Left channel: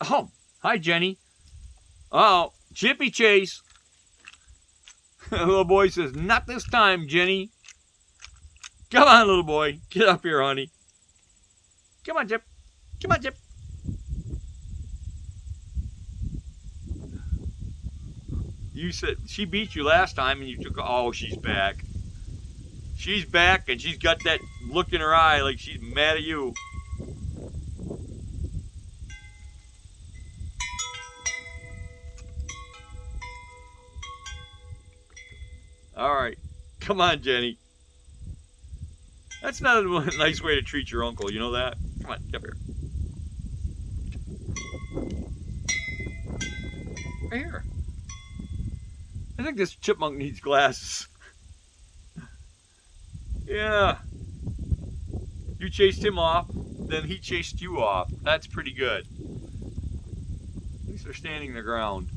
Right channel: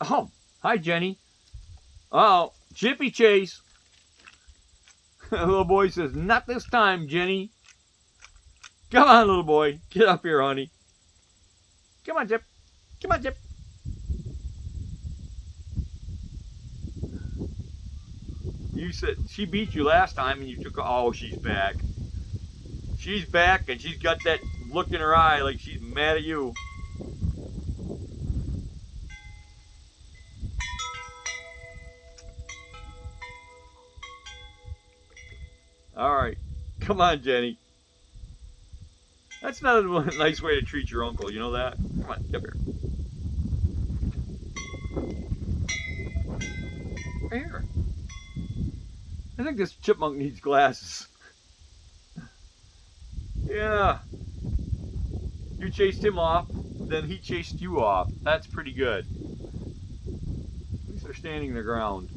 Oh, hi, Jenny. Oh, Chippy chase. Little boy says, not this time, Jenny. Come on, little boy. Get up here, honey. Come on, Chip. Come on, Chip. You said she beat you last time and you took. Oh, she's back. She's back and she's got that look in her eye like she's mad at you. All right. Come on, Jenny. That's not a nice way to treat your uncle. You know that? Come on, come here. Right here. I think this chipmunk needs glasses. Yeah. You chased him off, then he chased you off. That's pretty good. At least they're standing their ground.